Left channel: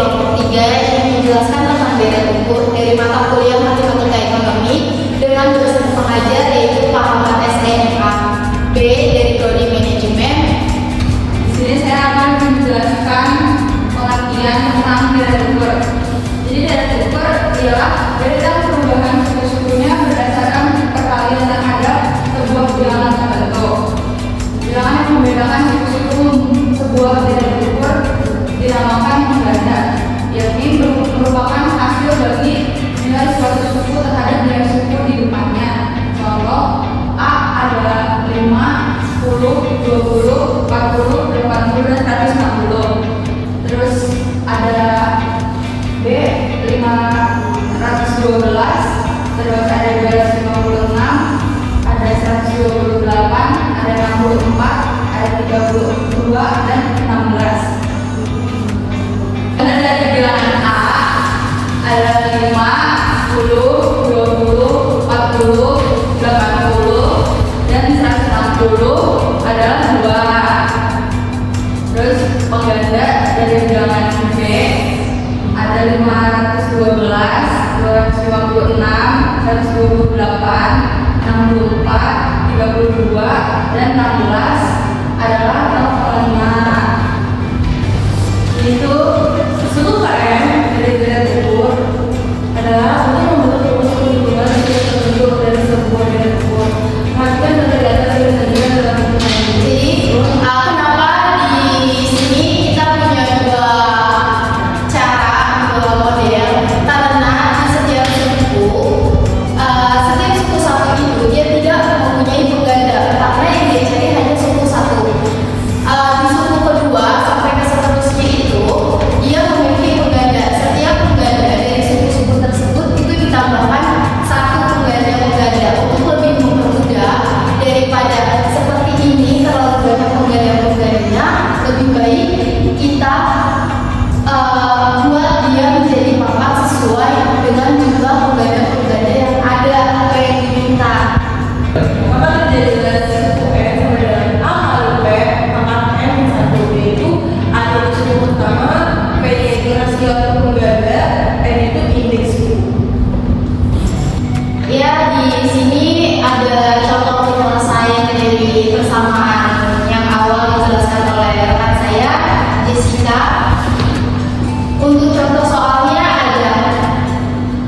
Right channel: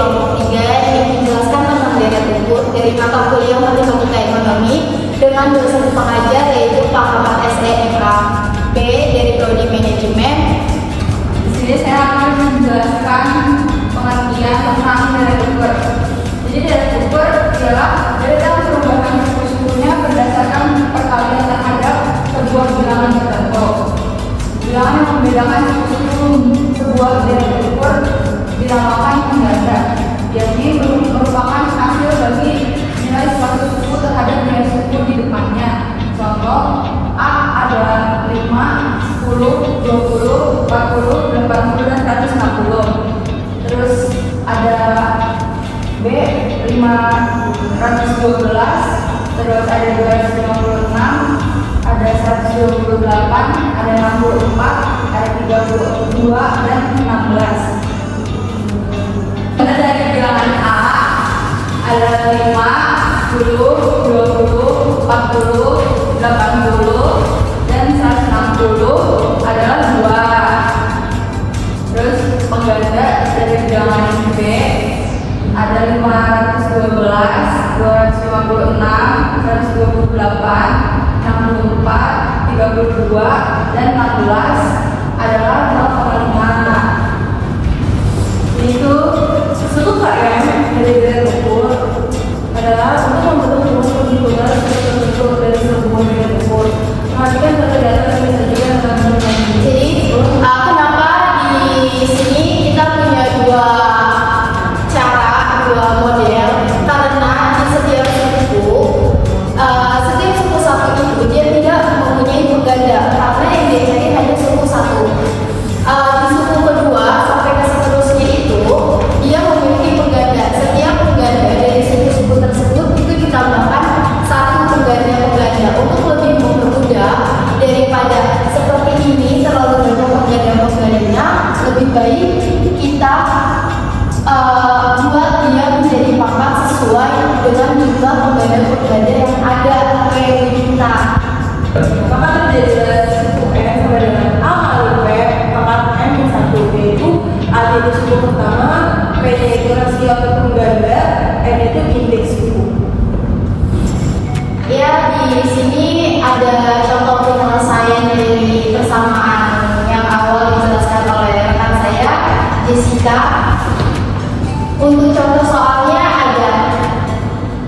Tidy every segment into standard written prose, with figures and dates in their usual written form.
kelompok 3 yang menjelaskan tentang deret ukur dari mata kuliah Matematika Ekonomi dengan dosen pengajar yaitu Pak Ahmad SEMA B dari Prodi Manajemen. Di sini saya akan menjelaskan pengertian tentang deret ukur. Jadi deret ukur ialah deret perubahan suku-sukunya berdasarkan perkalian terhadap sebuah bilangan tertentu. Bilangan yang membedakan suku-suku sebuah deret ukur dinamakan pengganda, yakni merupakan hasil bagi nilai suatu suku terhadap nilai suku di depannya. Contoh, A adalah 5, 10, 20, 40, 80, dan 160. Terus ada B 512, terus ada 256, ada 128, ada 64, ada 32, dan 16. Karena dari bilangan A ada 5, 10, 20, 40, 80, dan 160 adalah 2. Terus pengganda dari bilangan B ada 512, 256, 128, 64, 32, dan 16 adalah 0,5. Itu seluruh KM dari deret ukur adalah untuk membentuk rumus penghitungan risiko tertentu dari sebuah deret ukur. Perhatikan data-data yang disajikan dalam penggunaan ini. Jadi, kenapa di sini kita punya dua cara, dua model? Karena di setiap suku satu itu dia tidak mempunyai pengganda, karena yang dia cari hanya suku satu. Di suku kedua sampai ke seterusnya itu dia memiliki pengganda. Setiap pengganda dari suku-suku tersebut itu ditambahkan satu pengganda untuk lebih mempermudah daripada seperti ini terlalu banyak pengganda-penggandanya. Lebih baik kita buat dia menjadi pangkat sesuai dengan jumlah pengganda-pengganda yang ada atau yang diminta. Maka terjadilah suku N sama dengan A kali P pangkat N yang 1. Yaitu A itu suku pertama, P nya itu rasio atau pengganda, N itu indeks suku. Ya, di sini ada contoh penyelesaian dari persamaan yang awal dijelaskan oleh rekan saya, Jessica. Untuk contoh soalnya ada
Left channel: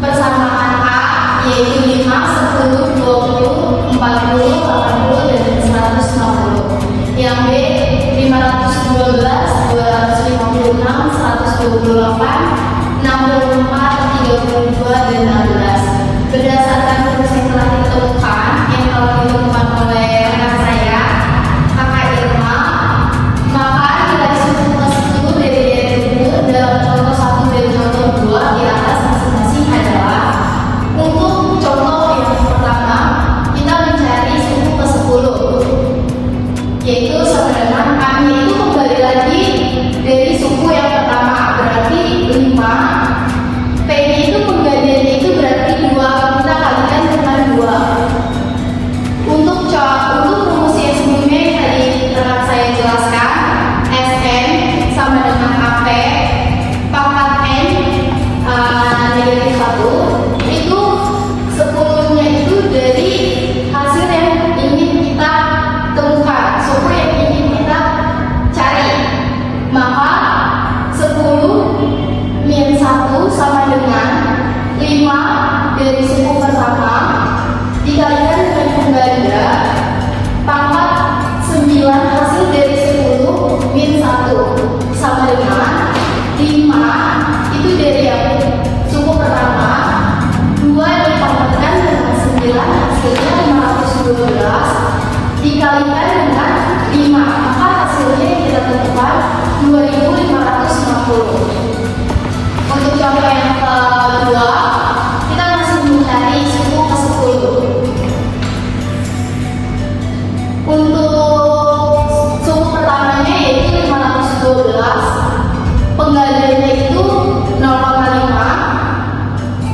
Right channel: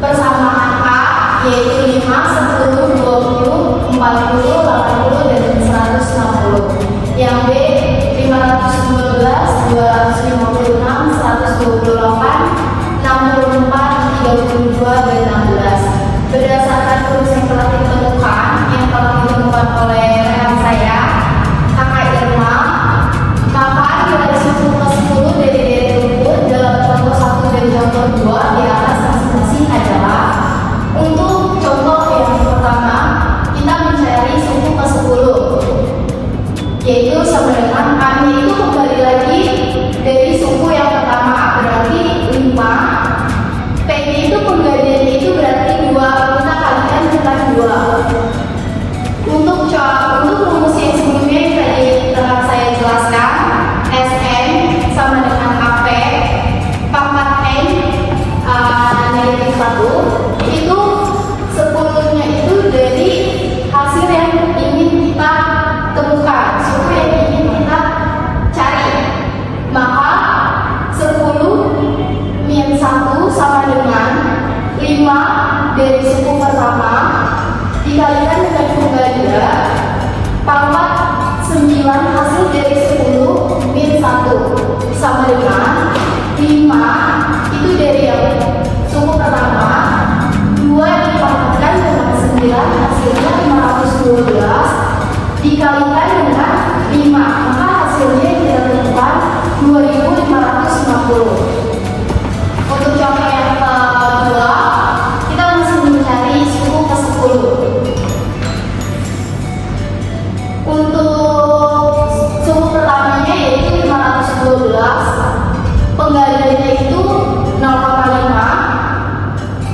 persamaan A yaitu 5, 10, 20, 40, 80, dan 160. Yang B 512, 256, 128, 64, 32, dan 16. Berdasarkan rumus yang telah ditemukan oleh rekan saya, Kakak Irma, maka nilai suku ke-10 dari deret ukur dalam contoh 1 dan contoh 2 di atas masing-masing adalah: untuk contoh yang pertama, kita mencari suku ke-10, yaitu sama dengan A-nya itu kembali lagi dari suku yang pertama, berarti 5. P-nya itu penggandanya itu berarti 2, kita kalikan dengan 2. Untuk rumus yang sebelumnya yang tadi telah saya jelaskan, Sn sama dengan AP pangkat N negatif 1, itu 10-nya itu dari hasil yang ingin kita temukan, suku yang ingin kita cari. Maka 10 min 1 sama dengan 5 dari suku pertama dikalikan dengan pengganda pangkat 9 hasil dari 10 min 1 sama dengan 5 itu dari yang suku pertama, 2 dipangkatkan dengan 9 hasilnya 512 dikalikan dengan 5, maka hasilnya kita temukan 2560. Untuk contoh yang kedua, kita masih mencari suku ke-10. Untuk suku pertamanya yaitu 512, penggandanya itu 0,5.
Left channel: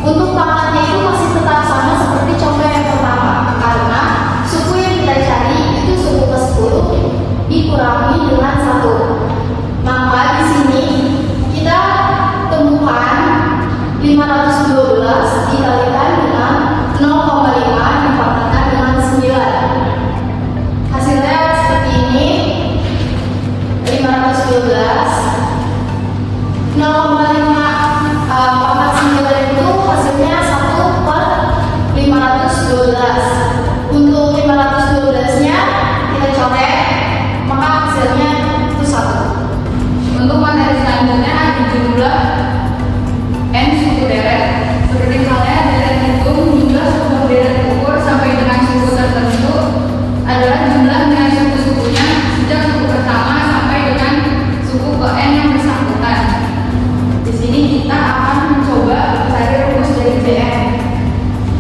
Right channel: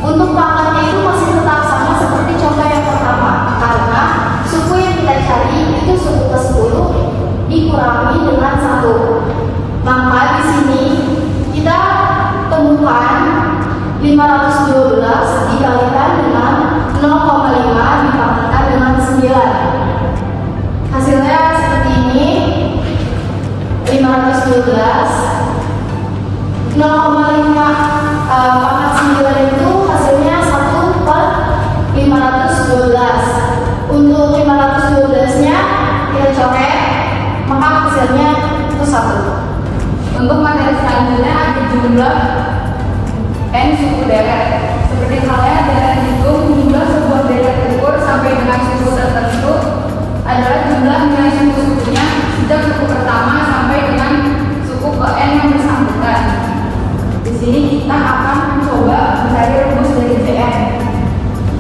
Untuk pangkatnya itu masih tetap sama seperti contoh yang pertama, karena suku yang kita cari itu suku ke-10 dikurangi dengan 1. Maka di sini kita 512 dikalikan dengan 0,5 dipangkatkan dengan 9. Hasilnya seperti ini. 512 0,5 pangkat 9 itu hasilnya 1 per 512. Untuk 512 nya kita coret, maka hasilnya itu 1. Untuk materi selanjutnya ada jumlah n suku deret. Seperti halnya deret hitung jumlah sebuah deret ukur sampai dengan suku tertentu adalah jumlah nilai suku-sukunya sejak suku pertama sampai dengan suku ke n yang bersangkutan. Di sini kita akan mencoba mencari rumus dari Jn.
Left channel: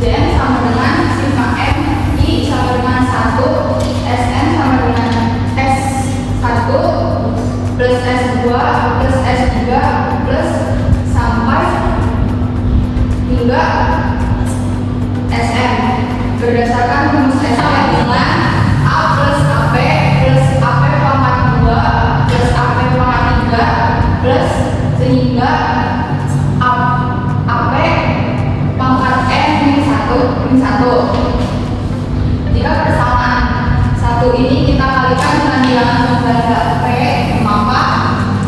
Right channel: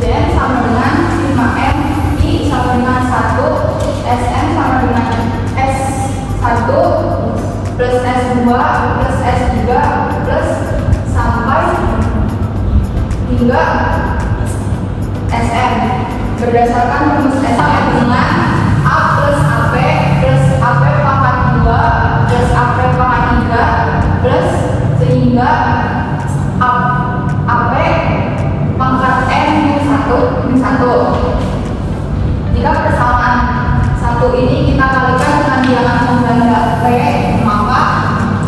Jn sama dengan sigma m, I sama dengan 1, Sn sama dengan S1 plus S2 plus S3 plus sampai hingga Sn. Berdasarkan rumus Sn dengan A plus AP plus AP pangkat 2 plus AP pangkat 3 plus sehingga AP pangkat N min 1. Jika persamaan 1 ini kita kalikan dengan bilangan pengganda P, maka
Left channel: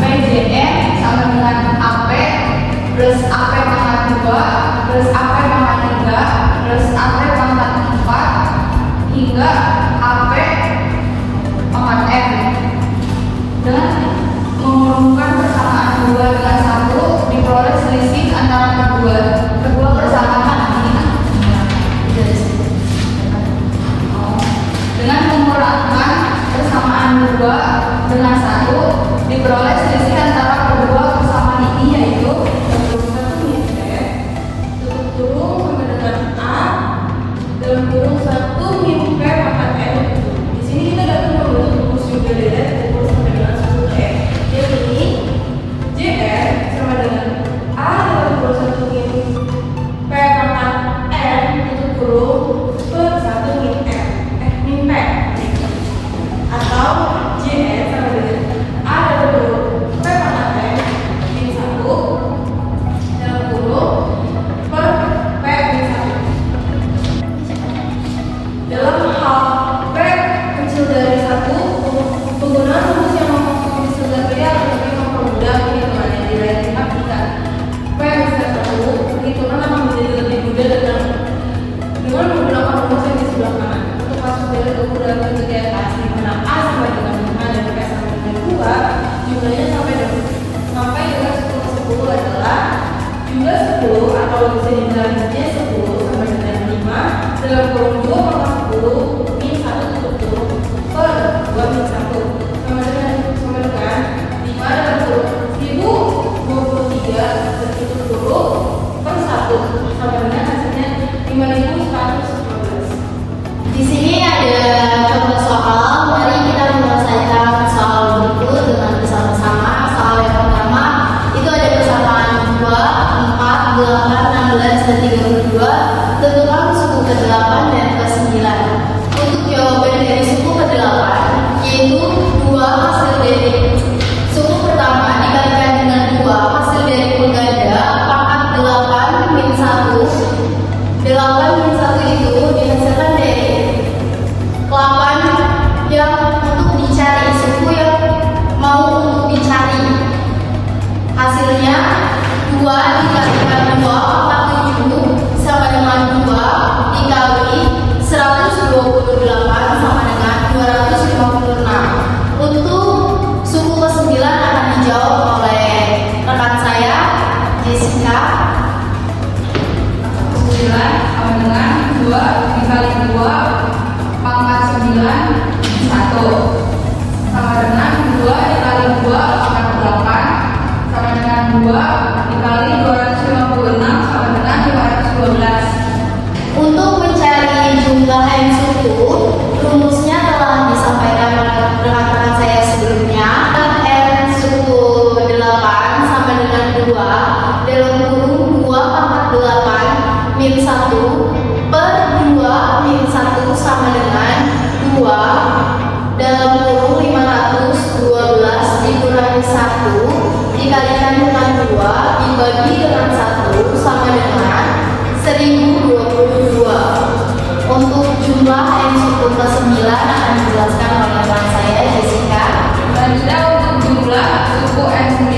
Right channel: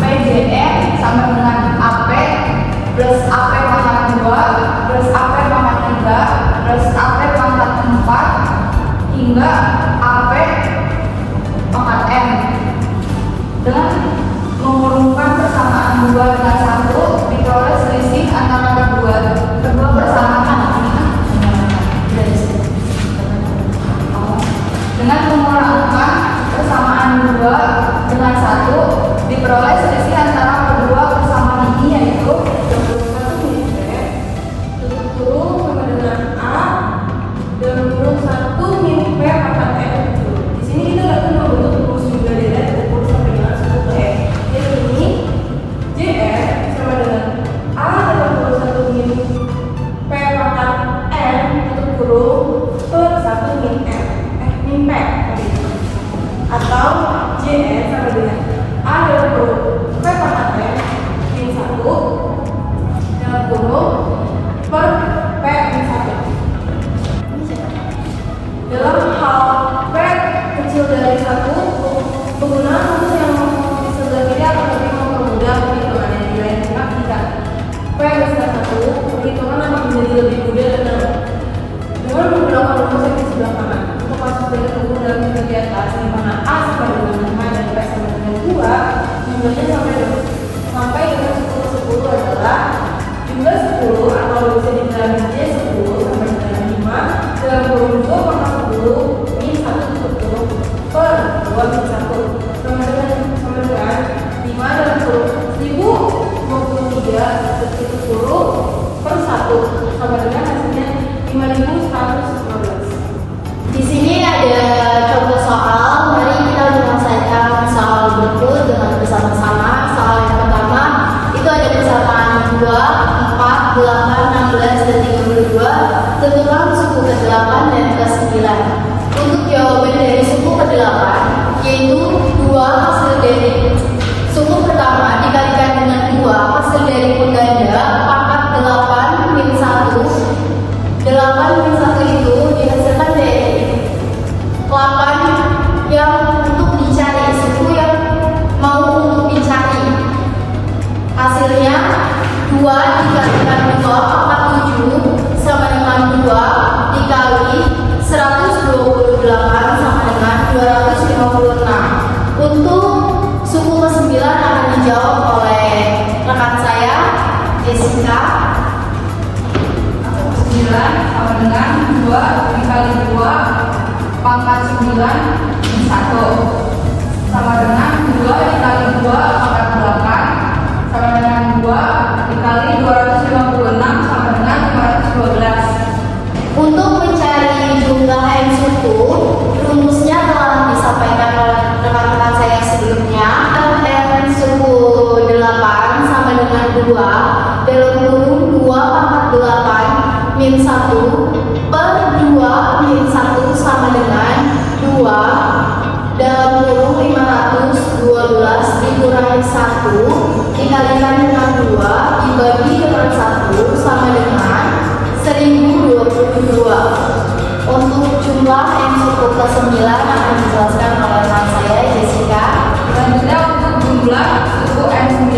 PJN sama dengan AP plus AP pangkat 2 plus AP pangkat 3 plus AP pangkat 4 hingga AP pangkat N. Dengan mengurungkan persamaan 2 dengan 1 diperoleh selisih antara kedua persamaan ini. Dengan mengurangkan persamaan 2 dengan 1 diperoleh selisih antara kedua persamaan ini, yaitu 21 min P tutup kurung sama dengan A dalam kurung 1 min P pangkat N. Di sini kita dapat membentuk rumus juga deret ukur sampai dengan suku ke N. Jadi Jn sama dengan A dalam kurung 1 min P pangkat N tutup kurung per 1 min N min P, atau Jn sama dengan A dalam kurung P pangkat N min 1 dalam kurung per P min 1. Dalam hal P kecil dari 1, penggunaan rumus yang di sebelah kiri akan lebih mempermudah perhitungannya. Di lain pihak, jika P besar 1, perhitungan akan menjadi lebih mudah dengan menggunakan rumus yang di sebelah kanan. Untuk kasus dari ukur dalam bentuk di atas, di mana A sama dengan 5 dan P sama dengan 2, jumlahnya sampai dengan 10 adalah jumlah 10 atau bisa dibilang J10 sama dengan 5 dalam kurung 2 pangkat 10 min 1 tutup kurung per 2 min 1 sama dengan 5 dalam kurung 1023 tutup kurung per 1 sama dengan hasilnya 5115. Di sini ada contoh soal. Mari kita menyelesaikan soal berikut dengan bersama-sama. Soal yang pertama itu ada persamaan 2, 4, 8, 16, dan 32. Tentukan suku ke-8 dan ke-9. Untuk jawaban dari suku ke-8, yaitu 2 hasil dari suku pertama dikalikan dengan 2 hasil dari pengganda pangkat 8 min 1. 8 min 1 itu dihasilkan dari 8 yang untuk dicari, suku yang mau untuk dicari. Hasilnya 2 dikalikan 2 pangkat 7 sama dengan 2 dikali 128 sama dengan 256. Untuk suku ke-9 akan dijawab oleh rekan saya, Jessica. 9 sama dengan 2 dikali 2 pangkat 9 1 sama dengan 2 dikali 2 pangkat 8 sama dengan 2 dikali 256 sama dengan 512. Untuk mencari jumlah n suku, rumusnya telah disampaikan oleh rekan-rekan saya sebelumnya. N suku 8 sama dengan 2 dalam kurung 2 pangkat 8 min 1 per 2 min 1 sama dengan 2 dalam kurung 512 dikurangi 1 dikalikan dengan 2 bagi dengan 1 sama dengan 1022. Untuk jumlah M suku ke-9 akan dijelaskan oleh rekan saya, Jessica. Selanjutnya untuk jumlah suku N9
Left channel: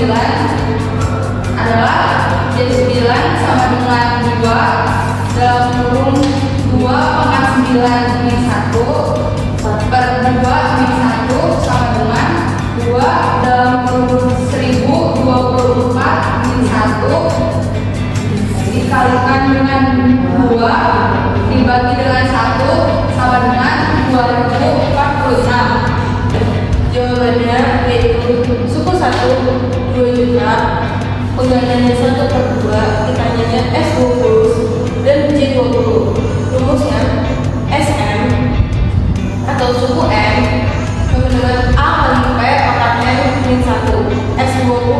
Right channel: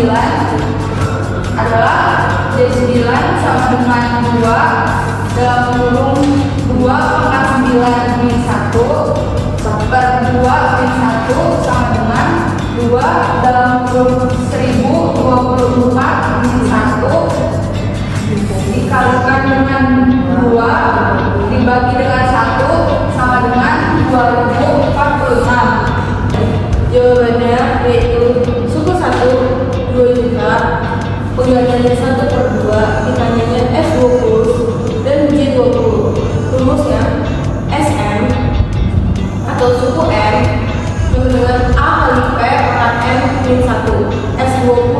adalah J9 sama dengan 2 dalam kurung 2 pangkat 9 min 1 per 2 min 1 sama dengan 2 dalam kurung 1024 min 1 dikalikan dengan 2 dibagi dengan 1 sama dengan 2046. Jawabannya yaitu suku 1 2 juta, penggantiannya 1/2, ditanyanya S20 dan J20. Rumusnya SM atau suku M sama dengan A kali P pangkat M min 1. S20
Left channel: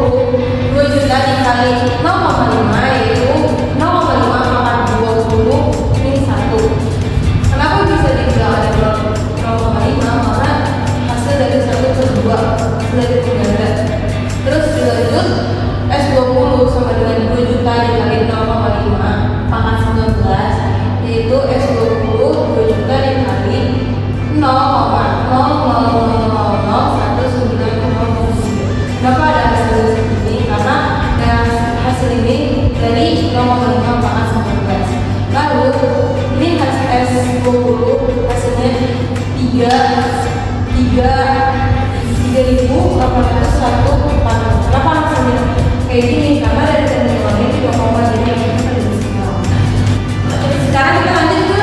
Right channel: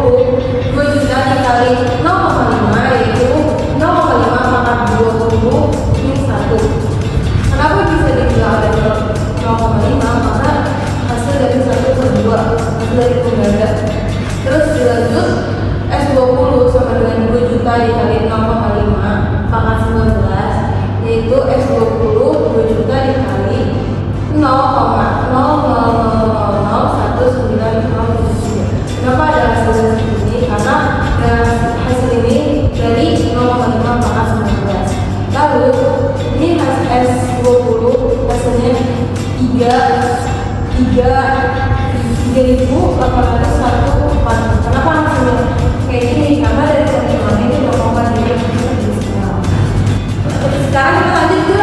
2 juta dikali 0,5 yaitu 0,5 pangkat 20 min 1. Kenapa bisa dibilang ada 0,5? Karena hasil dari 1/2, hasil dari pengganda. Terus dilanjut S20 sama dengan 2 juta dikali 0,5 pangkat 19 yaitu S20 2 juta dikali 0,0000190. Kenapa ada hasil dari sini? Karena hasil ini dari 0,5 pangkat 19. Lalu ini hasil S20 hasilnya 3.801. Kenapa hasilnya kayak gini? Karena dari teman-teman ini 0,5 sekarang kita lanjut ke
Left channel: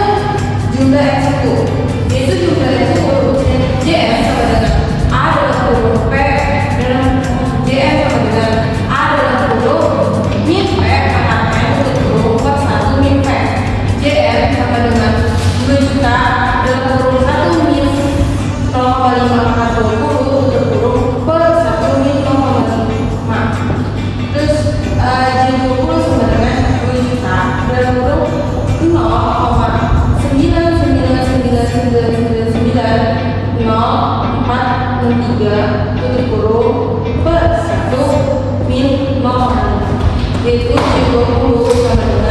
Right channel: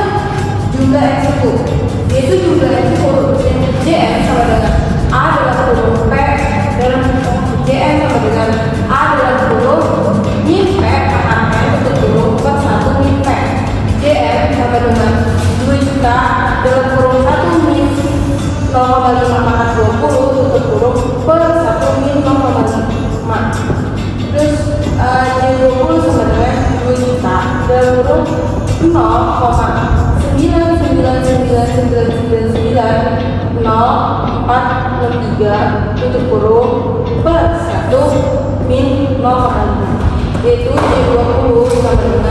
jumlah M suku, yaitu jumlah M suku JM sama dengan A dalam kurung P dalam JM sama dengan A dalam kurung min P pangkat M tutup kurung per 1 min P. JM sama dengan 2 juta dalam kurung 1 min 0,5 pangkat 20 tutup kurung per 1 min 0,5. Terus J20 sama dengan 2 juta dalam kurung 0,999990463 tutup kurung per 1 min 0,5 yaitu J20 sama dengan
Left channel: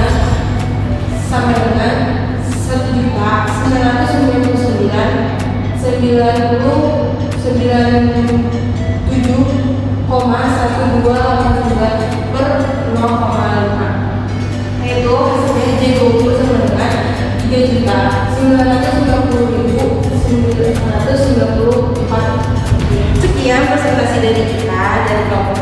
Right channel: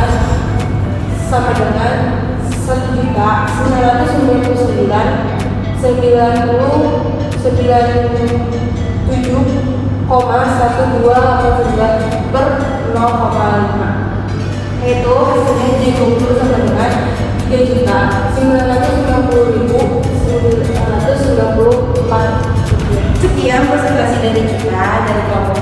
1.999.1289 per 0,5 yaitu hasilnya J20 sama dengan 3.990.994. Sekian presentasi dari kita dari kelompok